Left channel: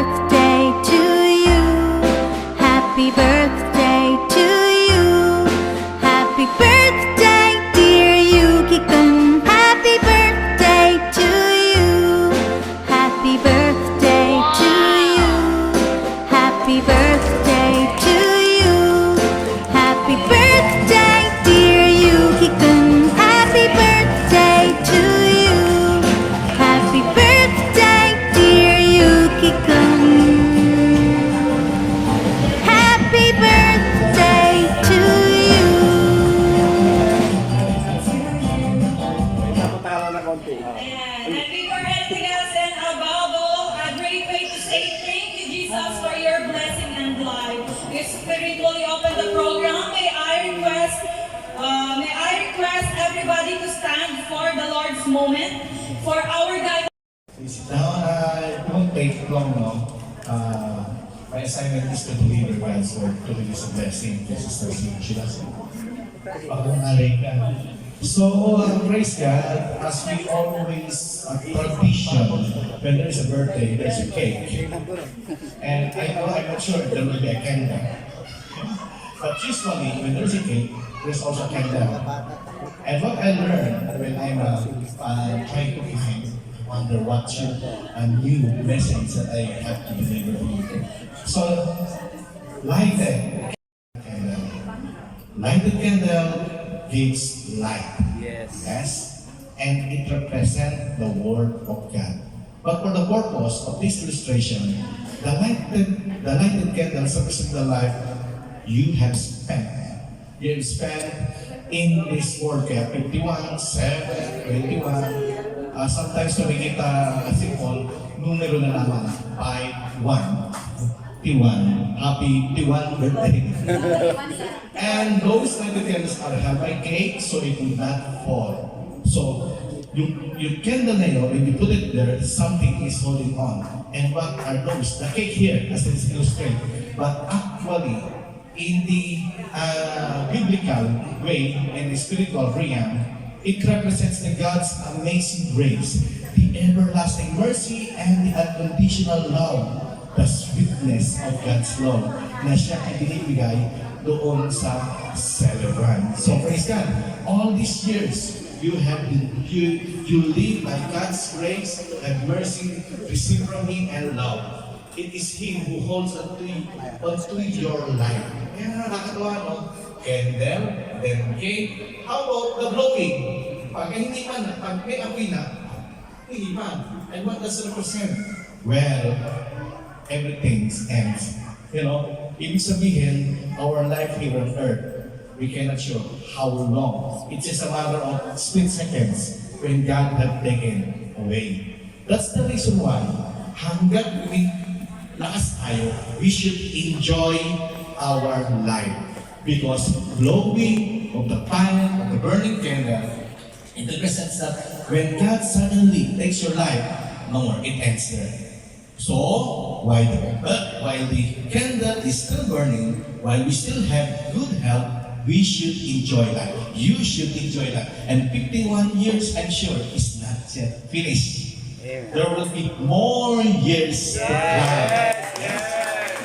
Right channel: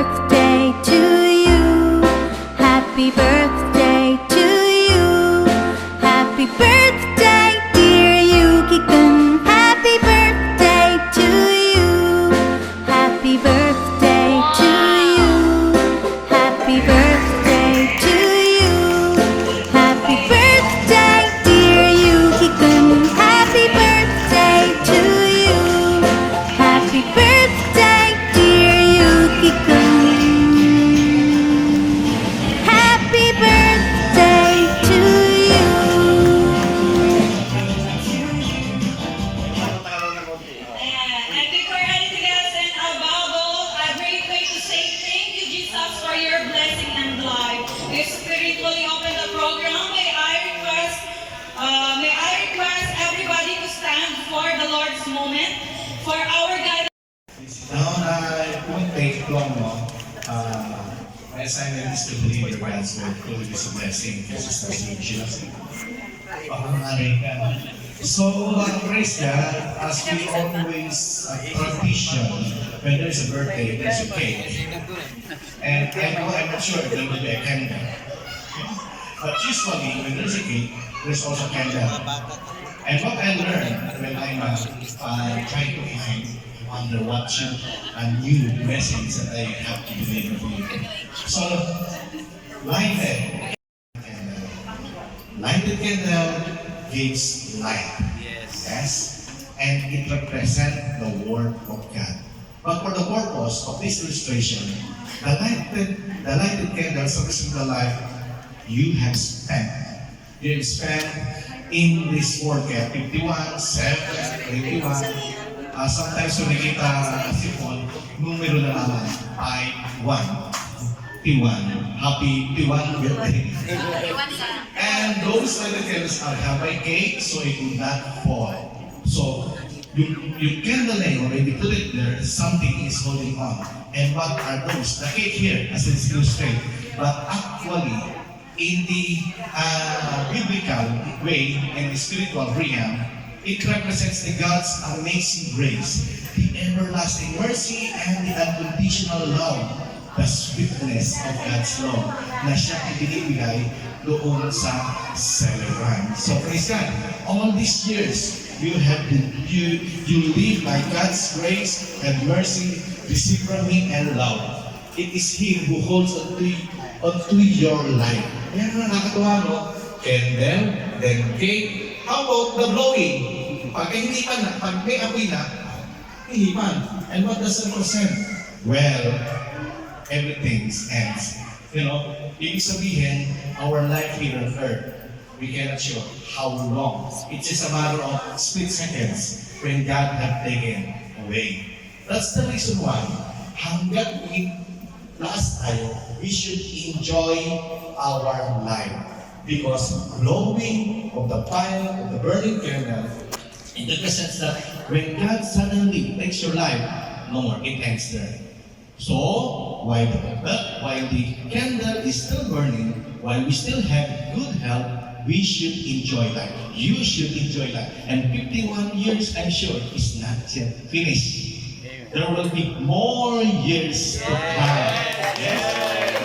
birthday to you. Happy birthday to you. Happy birthday, dear Yuki-kun. Happy birthday to you. Happy birthday to you. Happy birthday to you. Happy birthday, dear Yuki-kun. Happy birthday to you. Happy birthday, dear Yuki-kun. Happy birthday to you. And before anything else, and above all, a great way to say thank you, Jesus, for your blessing and life. You spiritually open the program. May I request everybody to stand for the Lord's moment for our guidance. Sit down. It won't take long, no? My assignment is to believe the God's word. Truly is a blessing. Jesus was in Jesus. So, praise God, as we always tradition, when there is a birthday, there's a cake. And I'm not sure if there will be a candle. But usually, when there's a cake, there's also a candle. And what I learned when I'm trying to find, wonder what should a new message that I have to deliver to you. So, lighted candle. Lighted candle gives light. Yes. And it represents the Word of God. But for the purpose of this illustration, the lighted candles represent the life you have spent. You have spent in this world. Kaya 51, 7, 21. Sometimes when nakita si Paul, numero na naman, 5, 1. T1. Happy T1 birthday. And those lighted candles are held by cake, so it will not fall. So you candle nail, when you put it there, something is holding on. And what are those? The cake here, as it's illustrated. But actually, in the biblical way, in the spiritual realm, it represents the God's amazing grace, the everlasting mercy, and the unconditional love, the sweetness of God's love na siya ibinibigay doon sa celebrant. So praise God, all these years you live by God's grace and mercy, receive from Him and love. It is Him who holds onto your life. Kaya nakakatuwa, no? Candle, then cake. How about the blowing? Pag may apoy na, hihipan. And what does it represent? Well, everything ends. You know, ibig sabihin, our life here on earth, we cannot sure how long. It's just a matter of split seconds when God have taken away. That's the reason why, hanggat lakas tayo, we should enjoy our life. Because blowing of the fire, of the burning candle, it represents that when God suddenly takes your life, no more, it ends there. So, while the candle is still burning, while we still have good health, we should enjoy that. You should enjoy that. And 51 years, I'm sure, is not yet finished. There will be more years to come. Yes.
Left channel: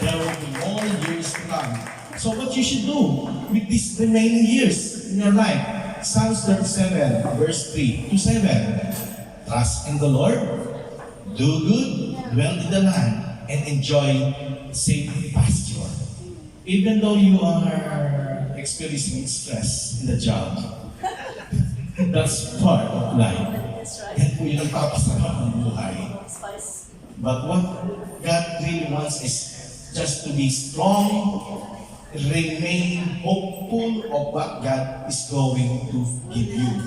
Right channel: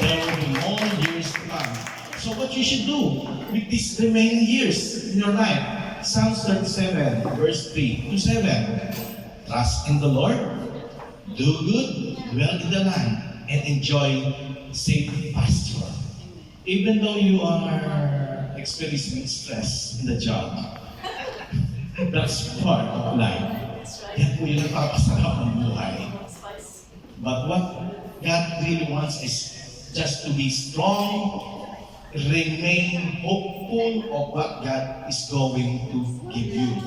There will be more years to come. So what you should do with these remaining years in your life? Psalms 37, verse 3 to 7. Trust in the Lord, do good, dwell in the land, and enjoy safe pasture. Even though you are experiencing stress in the job, that's part of life. Yan po yung nagpapasarap ng buhay. But what God really wants is just to be strong, remain hopeful of what God is going to give you.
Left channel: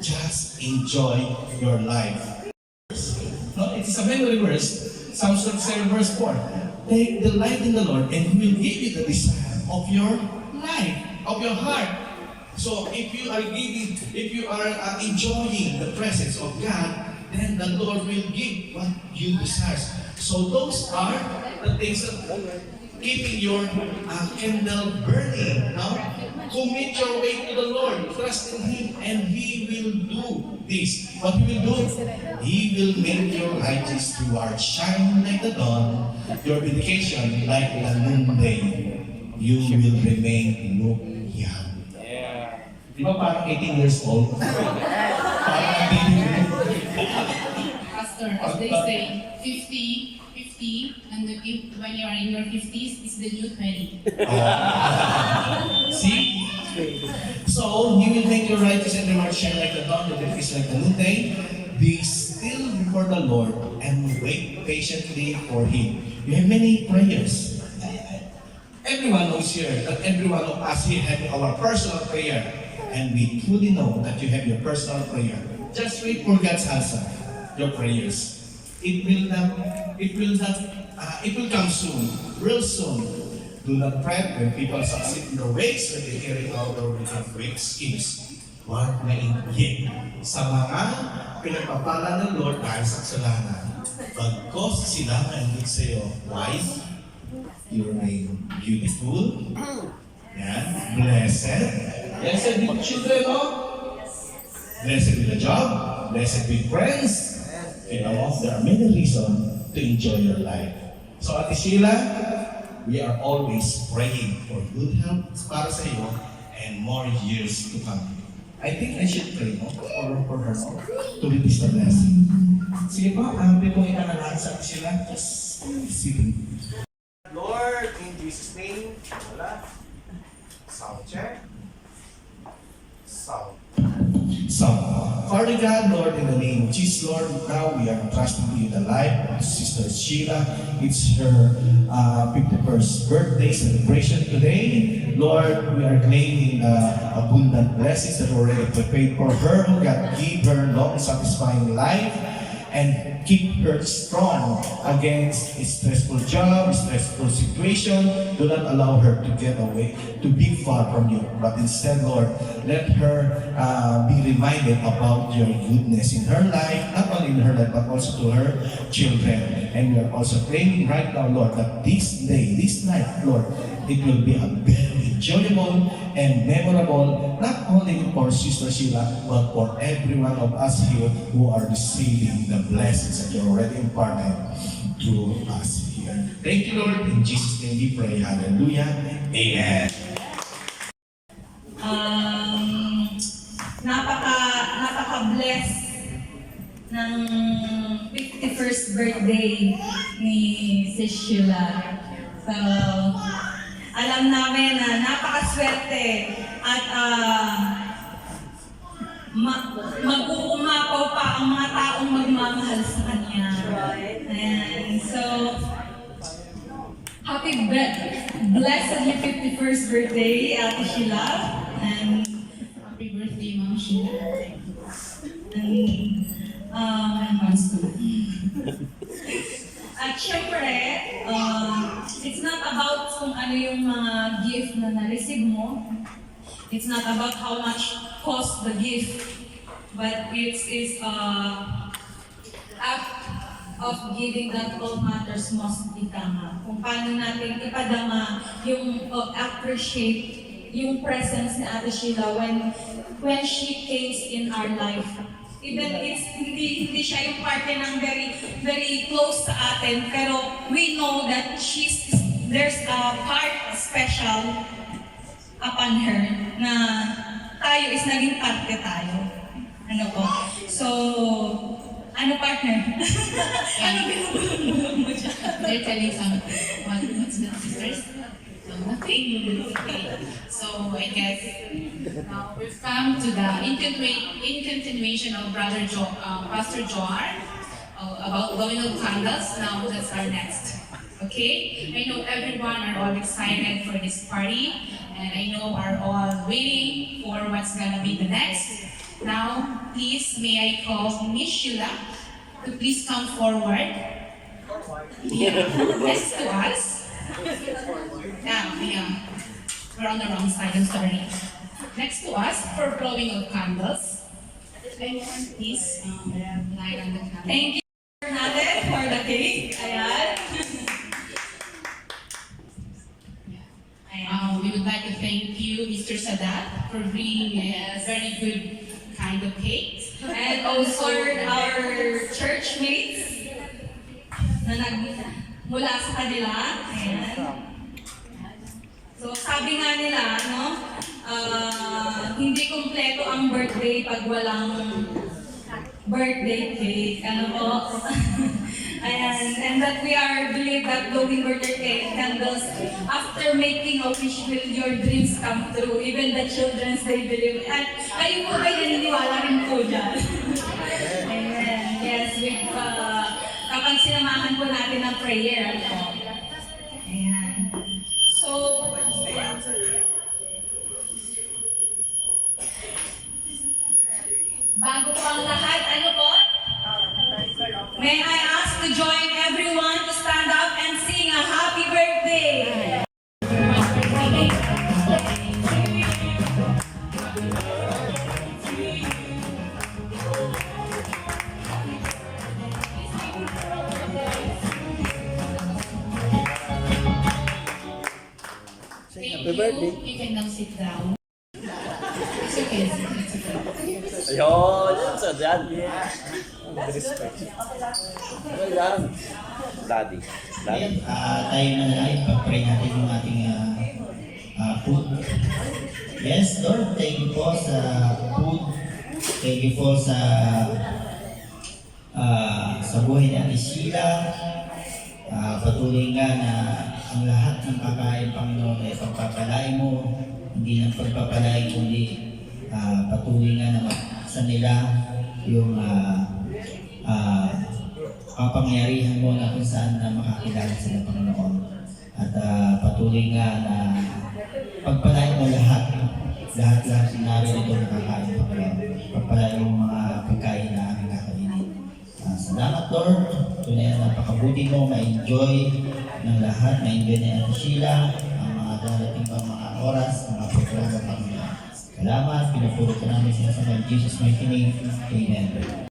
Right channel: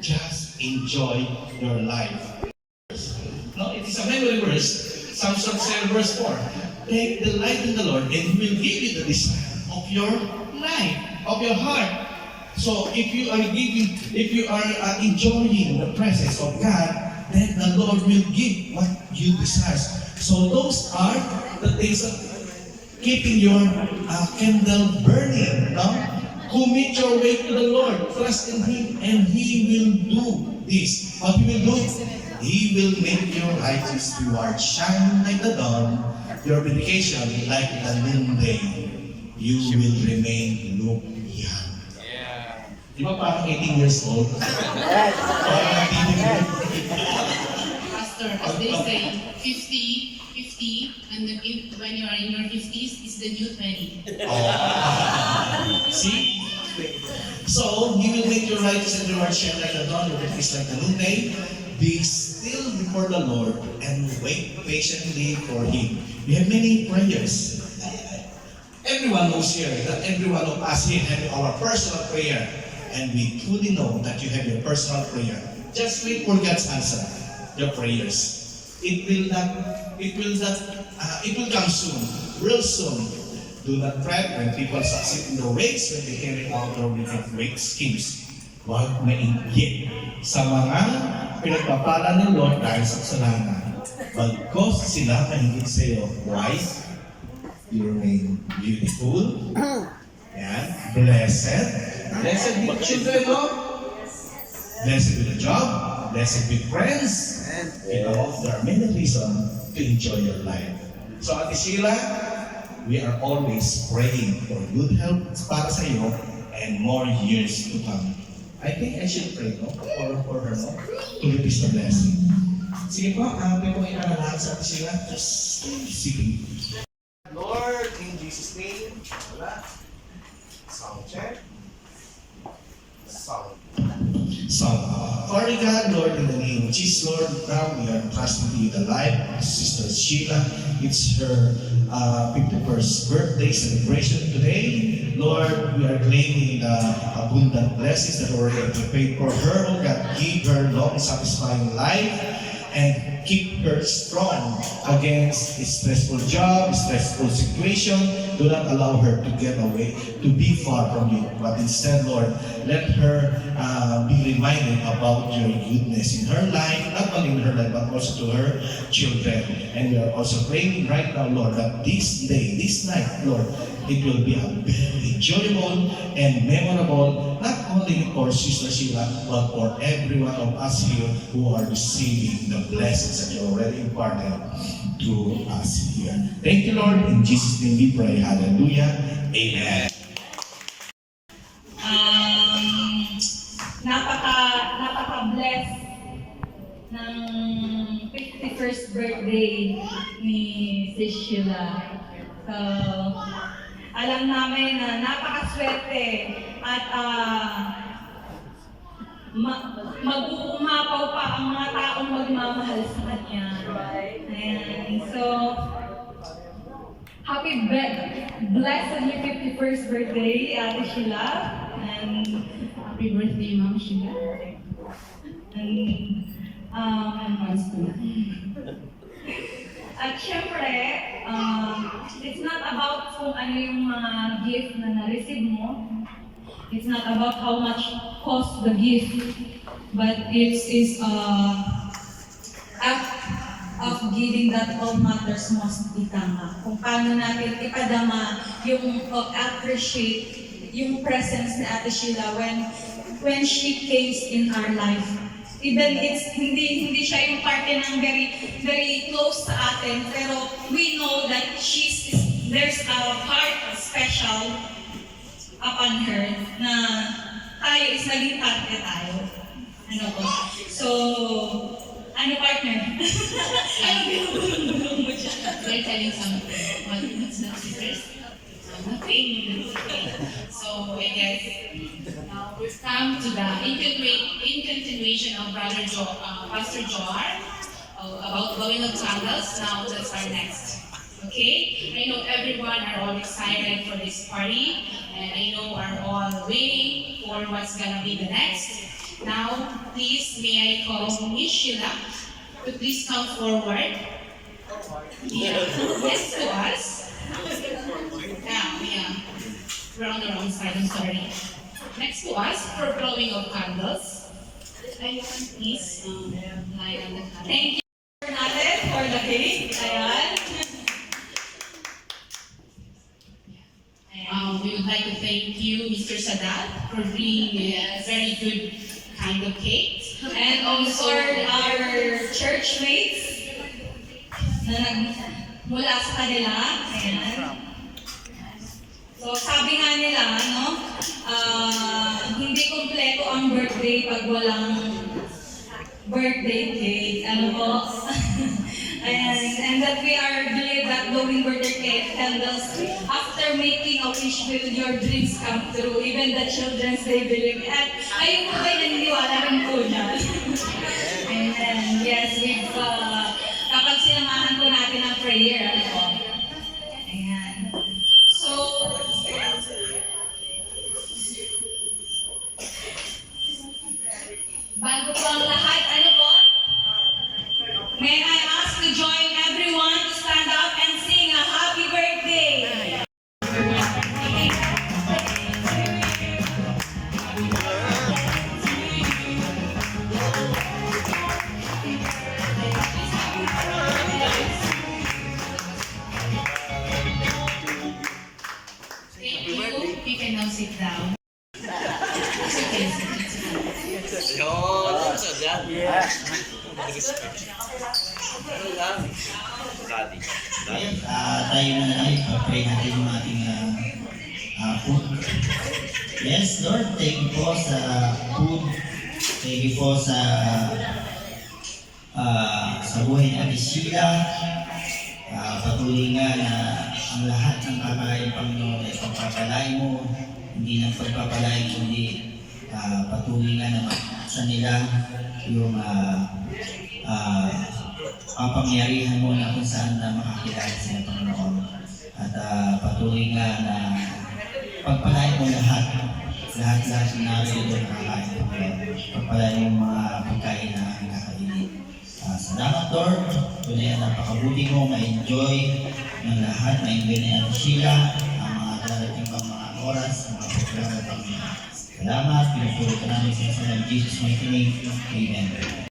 Just enjoy your life. No, it is a memory verse, Psalms 37 verse 4. Take delight in the Lord and He will give you the desire of your life, of your heart. So if you are enjoying the presence of God, then the Lord will give what you desire. So those are the things that keeping your candle burning. No? Commit your way to the Lord. Trust in Him and He will do this. What He will do? He will make your righteous reward shine like the dawn, your vindication like the noonday. You will remain look young. Di ba parang 18 years old? Parang 18 years old. Pastor, as they say, 50, 50, and then if, when you are in your 50s, it's the new 20. Oh. See? So, He will make your righteous and reward shine like the dawn, your is like the noonday. Be still before the Lord and wait patiently for Him. We have many prayers. Everyone knows here that every one of us here have our personal prayer. And we truly know that you have your personal prayer. Just wait for God's answer, your prayers. It will come soon, real soon. Do not fret when people succeed in their ways, when they carry out their wicked schemes. Huwag mainggit sa mga pinagpapala ng Lord dahil sa kasalanan. Bagkos sila mainggit sa iyo. Why? You remain beautiful. Yan. Blessed. Blessed with children, no? Blessed with a job. Blessed with friends. And among there are many reasons to enjoy your life. So, Ate Sheila, we are always praying for good health para sa iyo and more years to come. I think I should pray, no? For her, no? To release the blessing. Sige po, may po inaralan sa Ate Sheila. Just sige. Lord, in Jesus' name, wala. Sound check. Sound. Father God, Lord, in the name of Jesus, Lord, now we are trusting to you the life of Sister Sheila. It's her 51st birthday celebration today. Lord, we are claiming the abundant blessings that were already prepared for her. Oh God, give her long, satisfying life and keep her strong against a stressful job, stressful situation. Do not allow her to get away, to be far from you. But instead, Lord, let her be reminded about your goodness in her life, not only in her life, but also to her children. And we are also praying right now, Lord, that this day, this night, Lord, it will be a very enjoyable and memorable, not only for Sister Sheila, but for every one of us here who are receiving the blessings that you already imparted to us here. Thank you, Lord. In Jesus' name we pray. Hallelujah. Amen. Napaka-bless ng 51st birthday ni Sis Sheila. So, alam namin na napakaswerte at mag-uumapaw pa ang mga taong magmamahal sa kanya. And so, blessed your 51st birthday, Ate Sheila. And Happy birthday, Ma'am Sheila. At syempre, it's not about kung ano yung mga gift na na-receive mo. It's not about how much cost the gift. But it is act of giving that all matters most itama. Kung paano natin ipadama yung appreciate yung presence ni Ate Sheila when she came in our life. Even it's hindi siya yung parte ng very close sa atin, pero we know that there's a part special upon her na tayo is naging parte tayo. Ano po? So, ano partner? Ano binubulong mo siya? They're telling something. What's that, sisters? Nothing. So I guess now we've come to the in continuation of Pastor Joar about blowing of candles. Now that's our next. Okay? I know everyone are all excited for this party, and I know are all waiting for what's gonna be the next. Now, please may I call Miss Sheila to please come forward. Yeah. Next to us. Yeah. We're on the wrong side, I'm sorry. Next to us for blowing of candles. Anyone, please, light on the candle. Thank you natin for the cake. Ayan. We would like to thank you, Mr. Sadat, for bringing a very good kind of cake. And also our church mates na mula sa kanila. Ayan. So sabi nga nila, no, hindi kumpleto ang birthday pag walang birthday cake. Ano po? Ayan. And that we are believe that blowing birthday cake candles, after making a wish, will your dreams come true. Even the children's they believe. At kayo po ba'y naniniwala rin po dyan? Amen. Yes, with, kapag sinamahan po natin ang prayer, ano po? Ayan. So, bago po ang lahat, ano po? May I ask to join everyone to stand up and sing a happy birthday? Happy birthday. You can now sit down. It's okay. Ayun, sa dad. Yeah. Respect. Wala. Daddy. Ayan, tayo na lang, ipag-pray natin yung ating food. Yes, Lord, thank you po sa food. Thank you po sa buhay ni Ate Sheila. Patuloy nga na ang lahat ng kakain, Panginoon, ay pagpapalay mo. Hindi ng pagpapalay, kundi patuloy nga na sa nila yung kapangyarihan mo na kung saan na makakilala sila, Panginoon. At patuloy nga na pagpalain mo lahat na narito nakakain, Panginoon. Pagpalain mo mga pagkain na nakakainin. Salamat, Lord. Tunay na napakabuti mo, ma-enjoy ng lahat, ma-enjoy na Ate Sheila, ang mga darating pang mga oras, mga programa, Panginoon. Salamat, pinupuro ka namin sa ng Jesus' mighty name. Amen.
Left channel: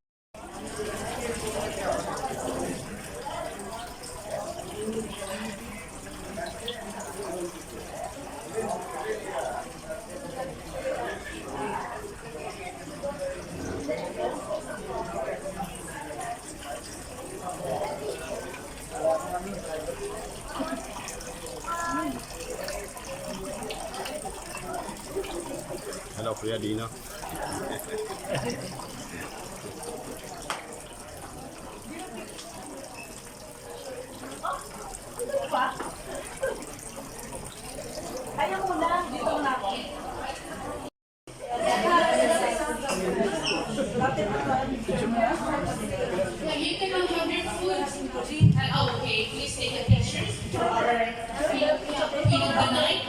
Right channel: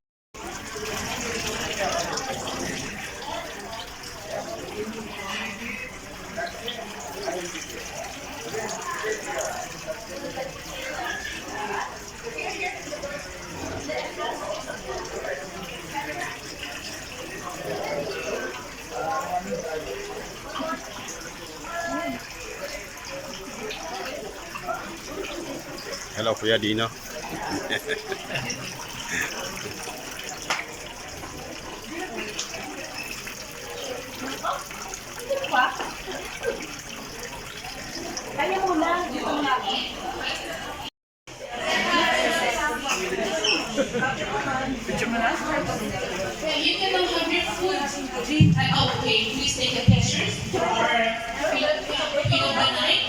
Hello, Kuya Dino. Yeah, you can now have your food. Okay, please take a picture for our feed of the night.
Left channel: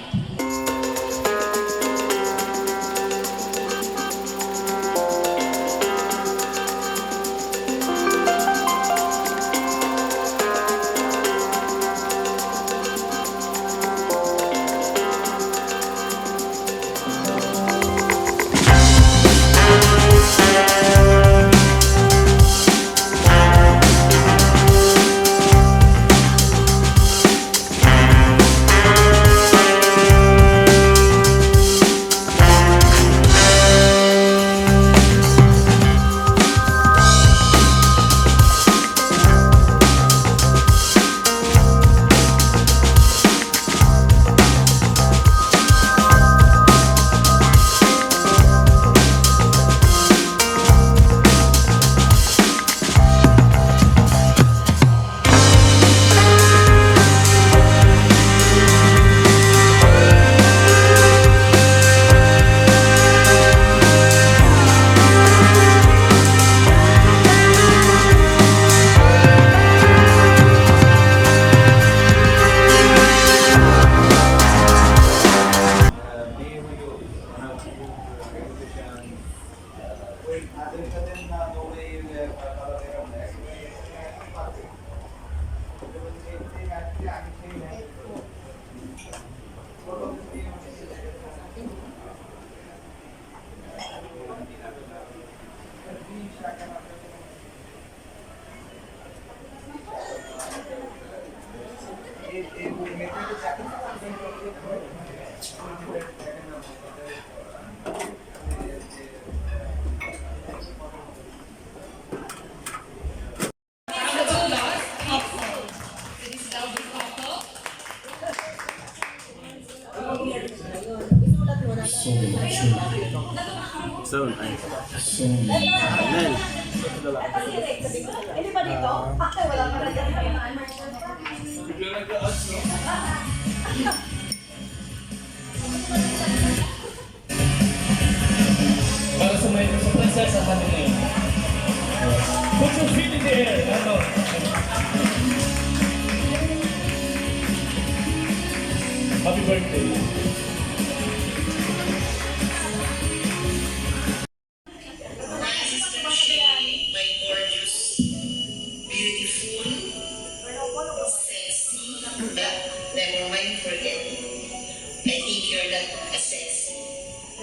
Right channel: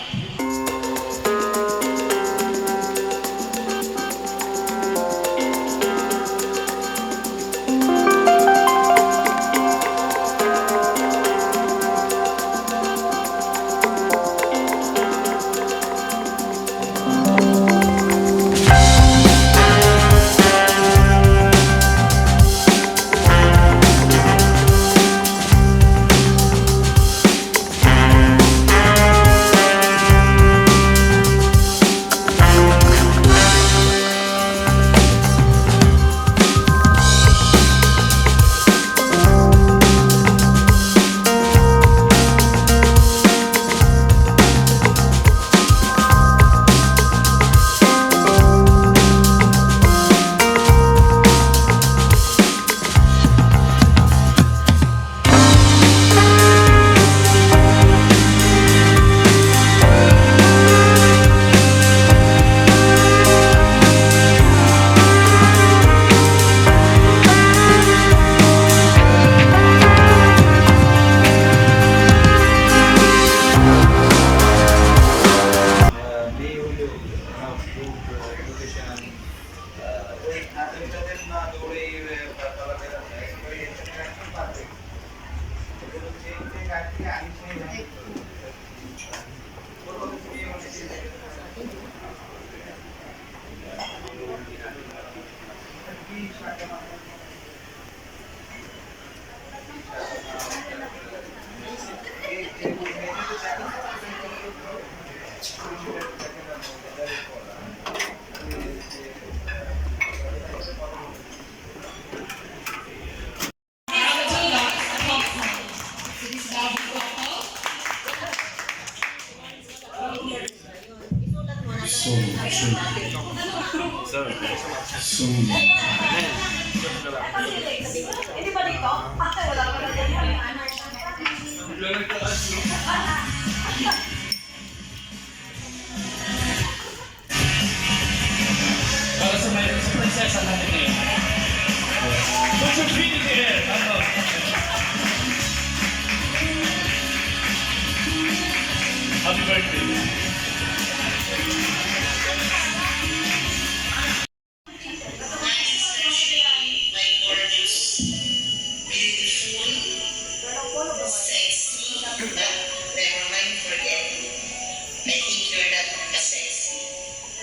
lovely couple. Soon. Para sa prinsesa natin ngayon. Put your feet in the air. Ano? Happy birthday. My gorgeous, beautiful, sexy, but never mind forgetting. I think you're not as sexy.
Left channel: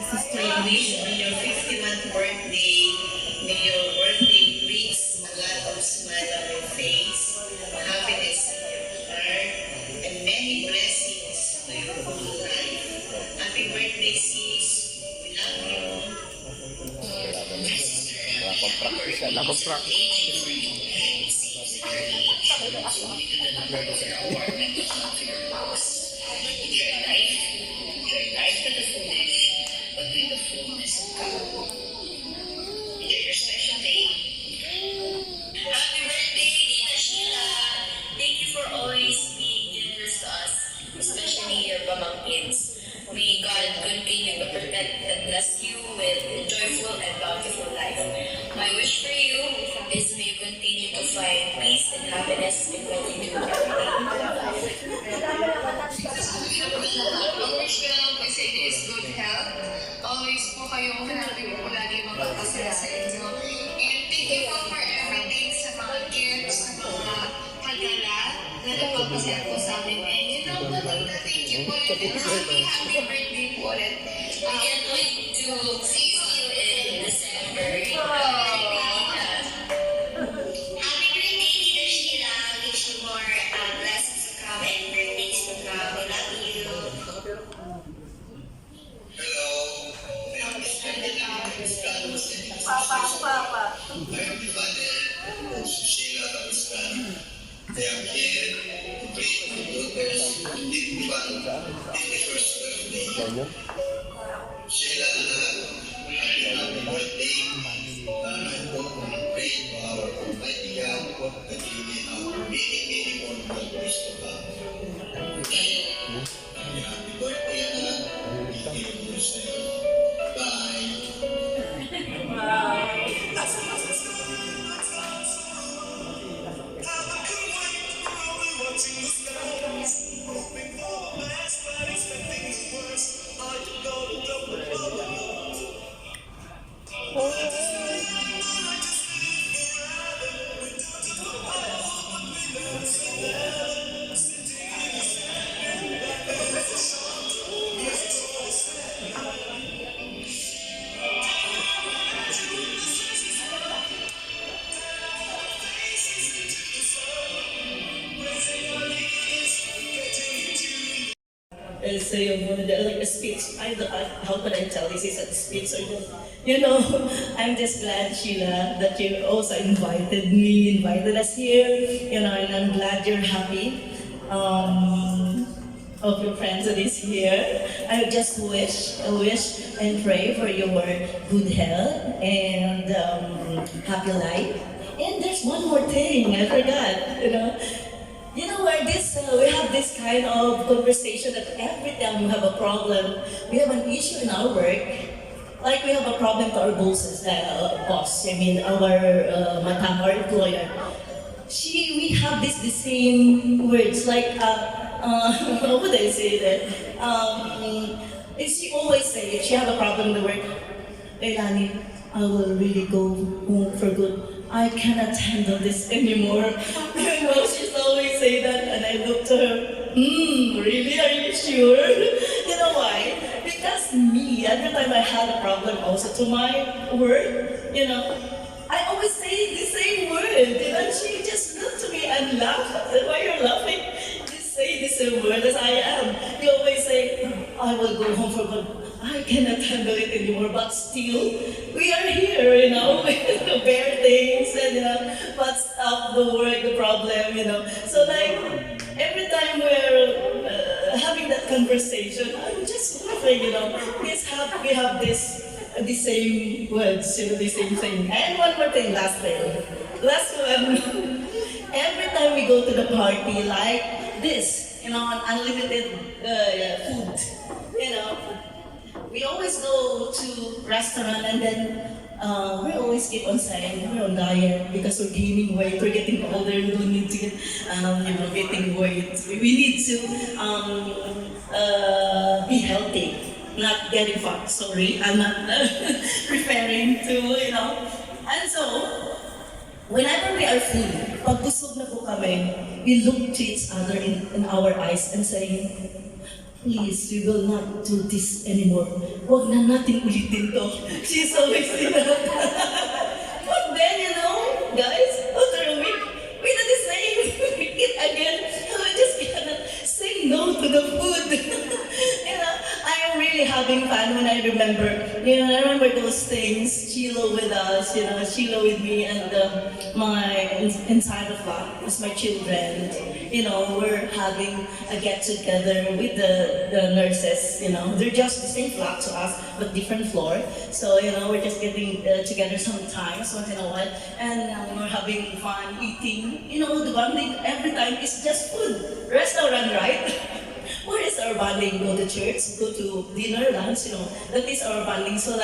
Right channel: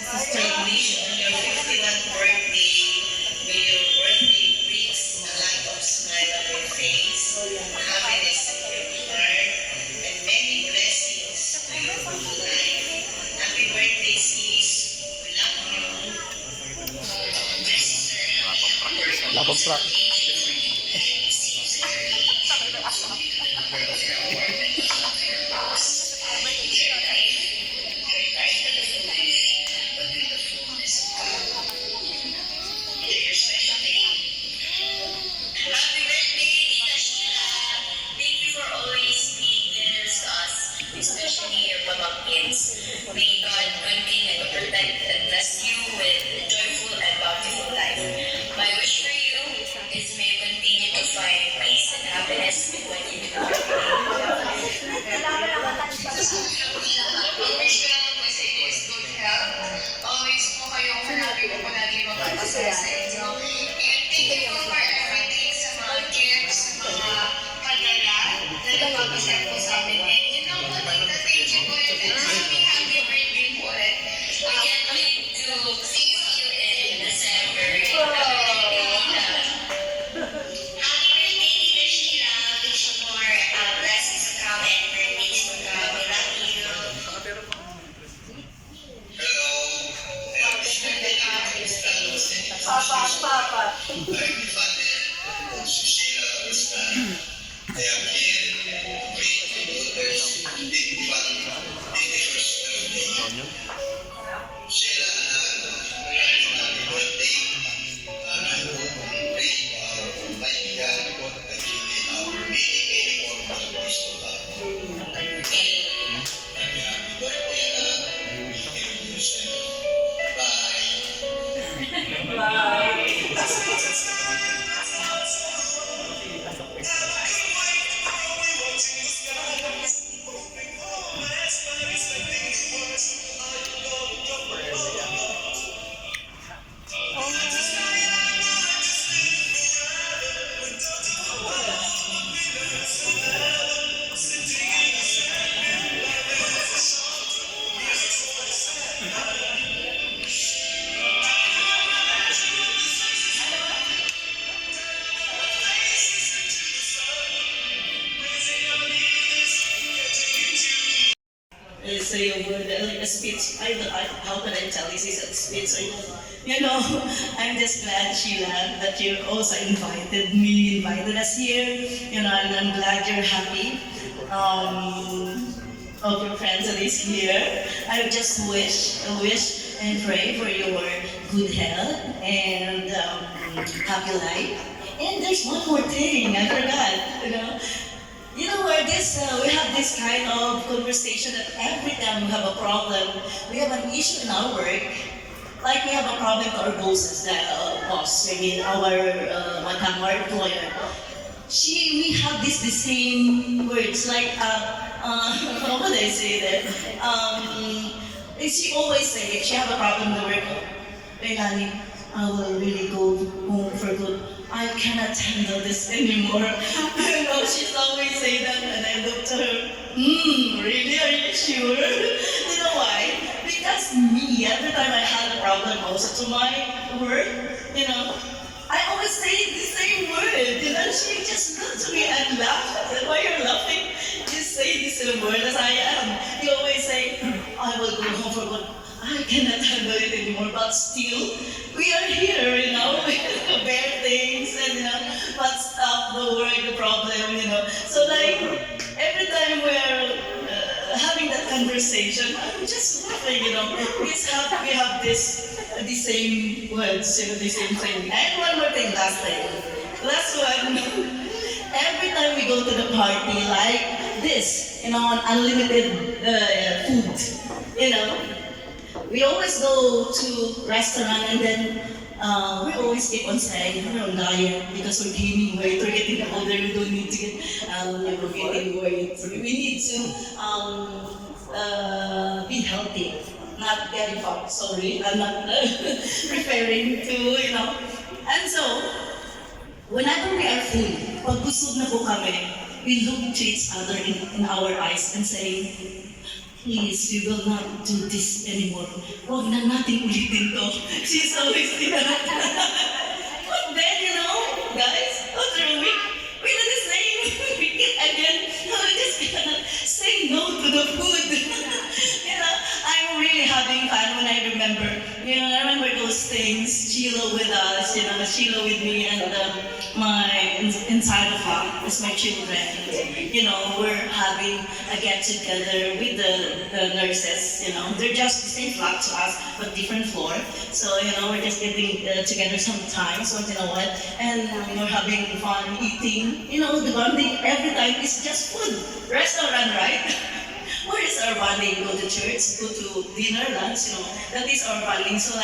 I wish on your 51st birthday, may your birthday brings a lot of smile on your face, happiness in your heart, and many blessings to your whole life. Happy birthday, sis. We love you. Wala pang practice. Your special day. Happy birthday, Tita Sheila. Thank you for always being generous to us, especially your pamangkins. May God continue to protect and bless you with a joyful and bountiful life. My wish for you is may you continue to find peace and happiness in what you do every day. Ang wish ko naman po sa inyo is good health. Always po kayong happy po palagi magpapasaya sa inyo. And thank you po for everything sa mga gifts, sa mga padala na nagpapasaya po sa amin. And you know, thank you po and happy birthday po ulit. We can't wait to see you in December. Happy birthday, Tita Sheila. Wish you more blessings to come and birthdays to come. We love you. Hello. I'm Father Sheila Kapisman. I am here to bring my daughter's 51st birthday. Sheila, happy birthday. I hope and pray for our Almighty God that you may have many more birthdays to come. Happy birthday, Anak. Take care of yourself. Bye. Say a word like a speech. How can I tell this is a speech? You know, I'm just glad, Sheila, that you also invited us here. You know, and I'm glad you're happy. Of your friends that is here. I just wish and pray for your good health and happy life. And there's one more thing I forgot. You know where we have this kind of conversation that every time we have a problem, we have an issue in our work, like we have a problem to our bosses, our employer. We have the same words, like, how would I say that? She always say, if she have a problem in the work, Leilani, I will really go home for good. I cannot handle this anymore. She's always say that, and I look to her, really, are you sure? You know why? Because me, every time I had a problem also to my work, I always say the same word. She just looked to me and laughed. I said, why you're laughing? You say the same word as I am. You always say, I will go home for good. I cannot handle it anymore, but still, we are here, we bear things and but stop the work, the problem, So like, every conversation, I'm just laughing, we have the same words, the same thing. And one more thing, last one. Every time we go to the party, like this, unlimited food, we always go to restaurant and then we always keep on saying we're on diet because we're gaining weight, we're getting older, we don't need to get, getting weight. We need to be healthy, not getting fat. Sorry, I'm not referring to. And so, whenever we are full, pag busog na po kami, we look to each other in our eyes and say, please, we will not do this anymore. Huwag na natin ulitin to. She's always saying that. But then, guys, after a week, we do the same. We eat again. We just cannot say no to the food. I'm really having fun when I remember those things. Sheila with us, Sheila with me, and my inside of her is my children. We're having a get together with the nurses. They're just the same flat to us, but different floor. So we're just getting together sometimes. So and we're having fun eating. The bonding every time is just food. Restaurant, right? Where is our bonding? Go to church, go to dinner, lunch, that is our bonding. So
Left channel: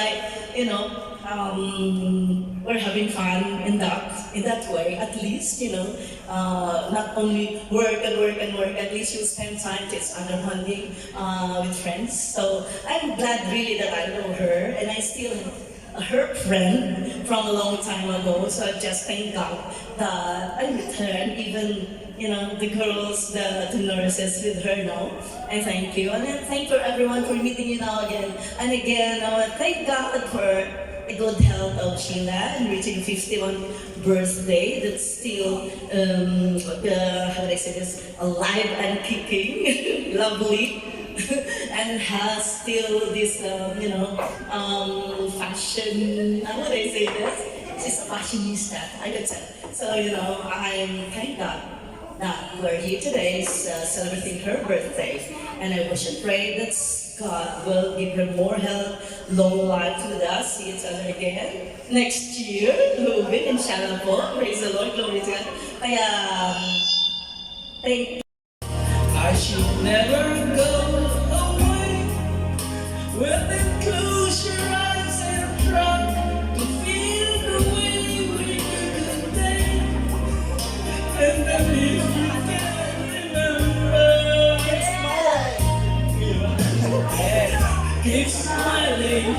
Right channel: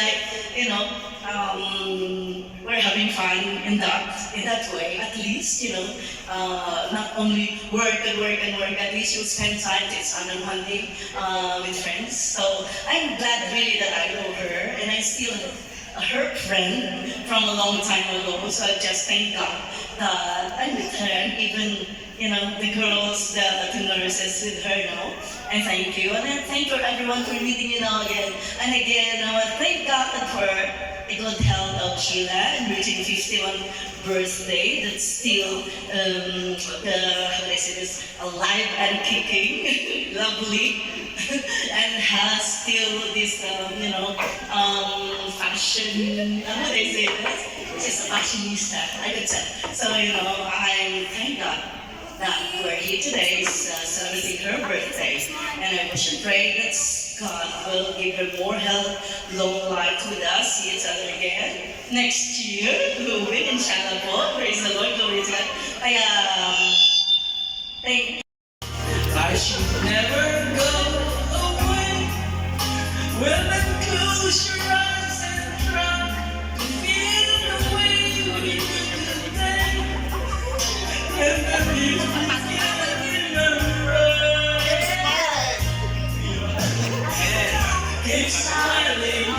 we're having fun in that way, at least, not only work and work and work, at least you spend time to each other bonding with friends. So I'm glad really that I know her, and I still her friend from a long time ago. So I just thank God that I'm with her, and even the girls, the nurses with her now. And thank you. And then thank you everyone for meeting again. And again, thank God for a good health of Sheila and reaching 51 birthday. That's still, how do I say this, alive and kicking, lovely. And has still this, fashion, how do I say this? She's a fashionista, I could say. So, I'm thank God that we're here today celebrating her birthday. And I wish and pray that God will give her more health, long life with us, see each other again next year. Moving, inshallah po. Praise the Lord, glory to God. Kaya, thank I should never go away. When I close your eyes and try to feel the way we did today. And then you can't remember. Keep smiling,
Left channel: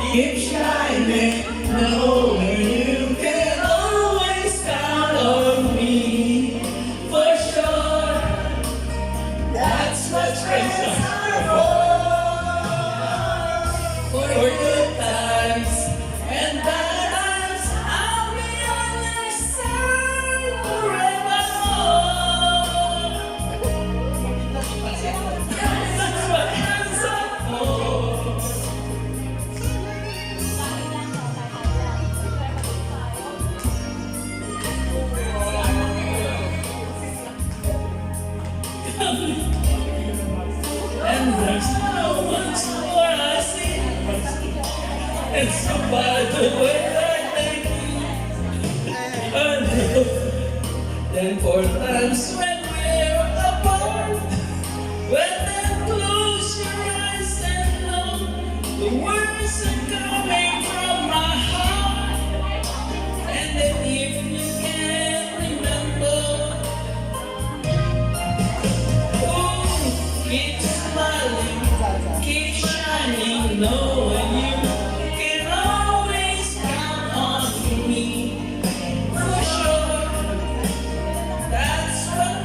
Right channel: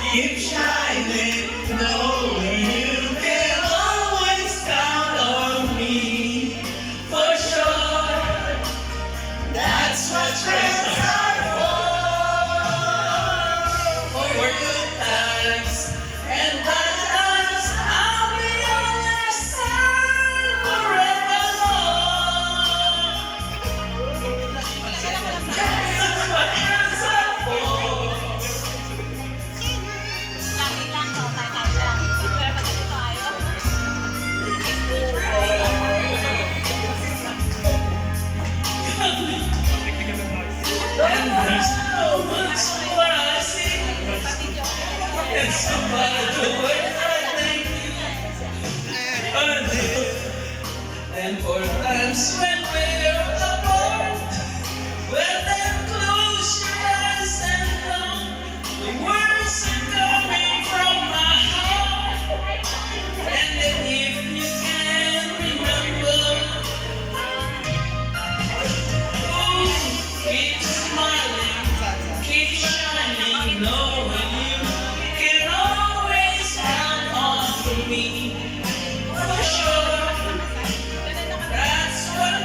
keep shining, knowing you can always count on me. For sure, that's what friends are for. For good times and bad times, I'll be on your side forevermore. That's what friends are for. And there's no much more I see. It's about the way I make you. And for times when we're apart, well then close your eyes and know the words are coming from my heart. And then if you can remember, keep smiling, keep shining, knowing you can always count on me. For sure, that's what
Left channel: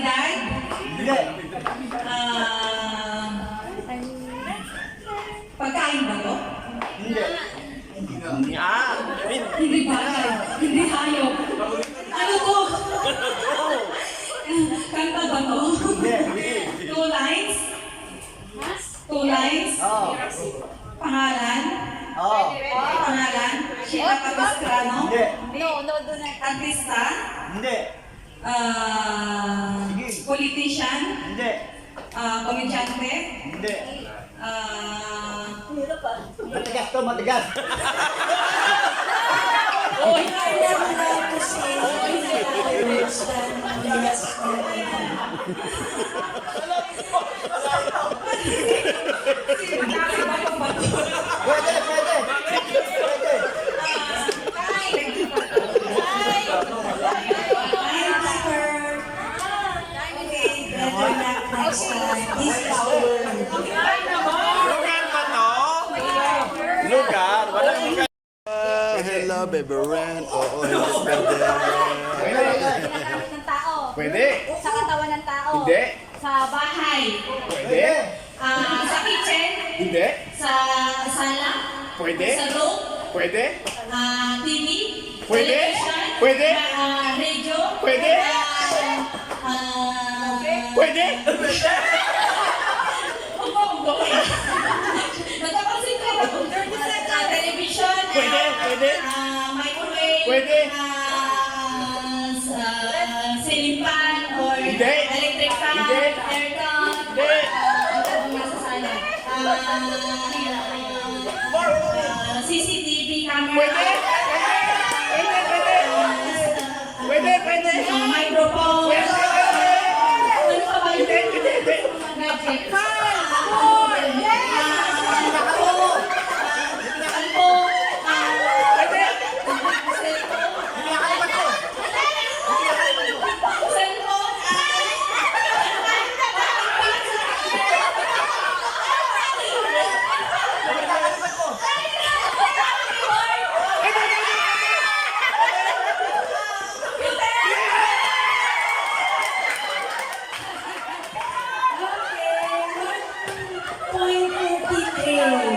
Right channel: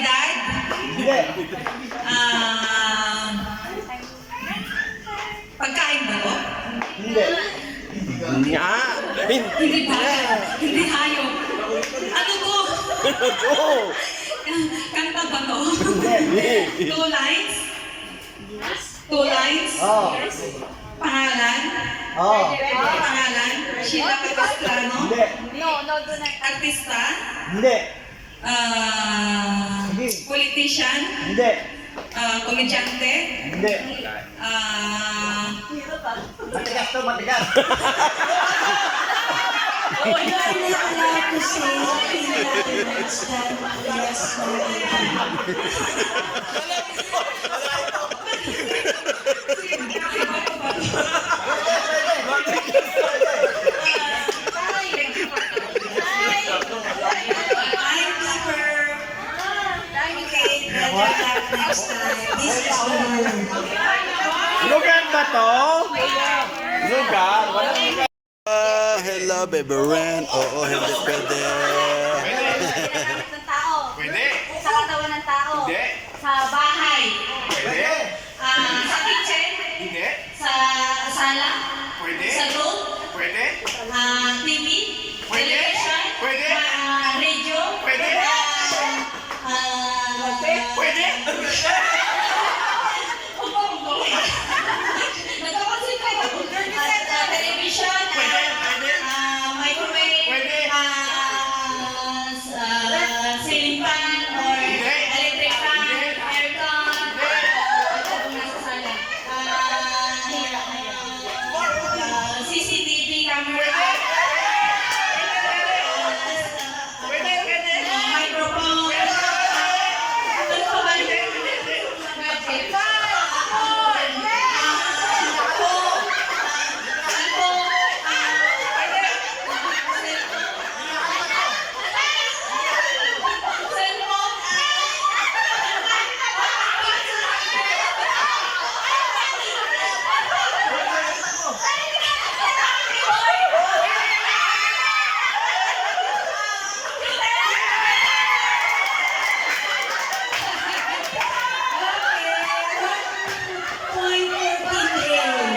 Kalidad? Hindi. Pagkain ba to? Hindi. Hindi bagay. Hindi hayop. Ano to? Kanta ba to? Two lines? Two lines? Oo. Pangalan? Oo. Pangalan? Sheila Capistrano? Hindi. Artista? Hindi. Politician? Hindi. Komedyante? Hindi. Matigas to, matigas. You are never allowed to say any other words than yes or no. Pwede, pwede. Okay, better luck next time. This is the word. Lugar ba to? Lugar? Walang lugar. Hello, baby Ren. Oo, hindi pwede. ng tao. Pwede. Sa katawan ng tao. Hindi. Sa bahay. Pwede. Sa kitchen? Hindi. Sa sala? Pwede. Sa room? Pwede. TV? Pwede. Television? Pwede. Radio? Pwede. Pwede. Nagkapansin ka ba? Television? Pwede. Pwede. Microwave? Pwede. Ceiling fan? Or Hindi. electric fan? Hindi. Aircon? Hindi. Nasa sala. CCTV camera? Pwede. Pwede. Pwede. Microphone? Ano pa ba yun? Hindi. Magic. Point for Team A.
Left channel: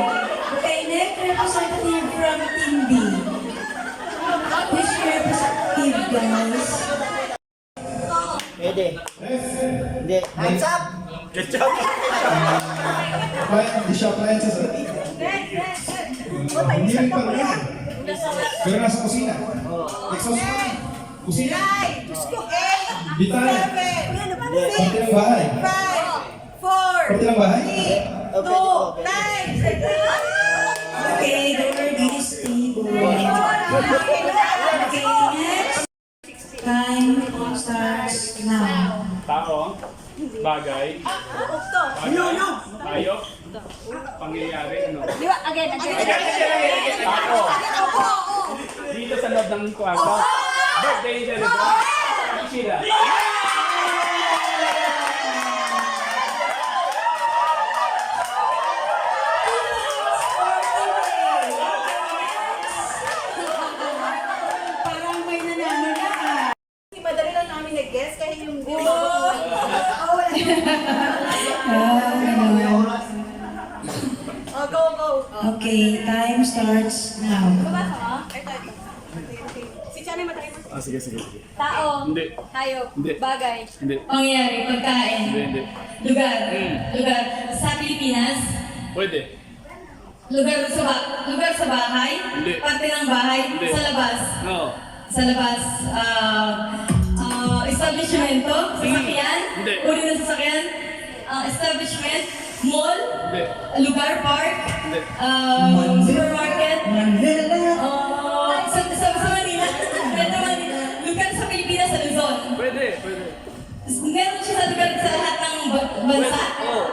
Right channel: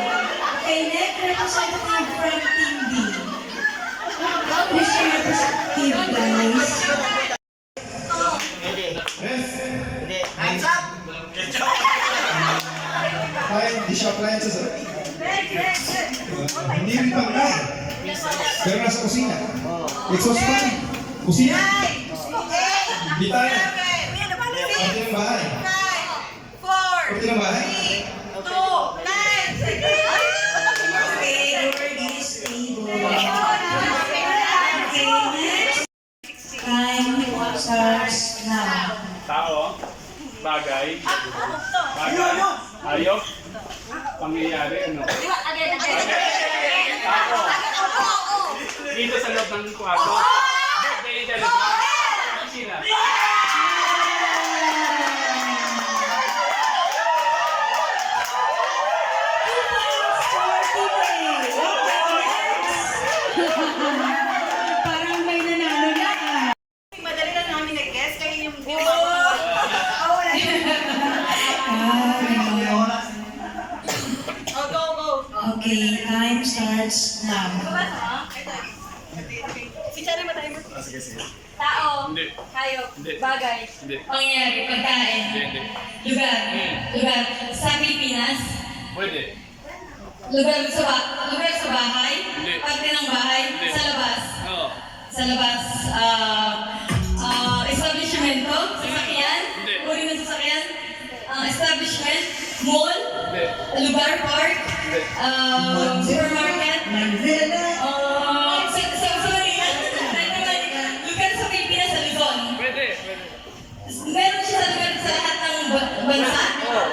Okay, next representative from Team B. Please representative, guys. Pwede. Hindi. Di siya appliances. Hindi rin pang yan. Pero nasa kusina. Exhaust fan. Kusina. Bitara. Parte ng bahay. Parte ng bahay. Okay, the word is table. Okay, next. Time starts now. Tao, bagay, hayop, pangyayari, ano? Tao, dito sa loob ng kwarto, birthday celebrate, sila. Parang may nanalo na ah. Madali lang namin nag-guess kaya yung Okay, time starts now. Si Charay madali. Tao. Hindi. Hayop. Hindi. Bagay. Hindi. Pangyayari, pagkain. Hindi. Lugar. Lugar. Sa Pilipinas. Pwede. Lugar sa bahay. Hindi. Parte ng bahay. Hindi. Sa labas. Oo. Sa labas. Establishmento. Sasakyan. Hindi. Uri ng sasakyan. Establishment. Mall. Hindi. Lugar, park. Hindi. Supermarket. Sa Manila. Lugar sa Pilipinas, sa Luzon. Pwede. Meron siya sa lugar sa lahat ng bansa. Oo.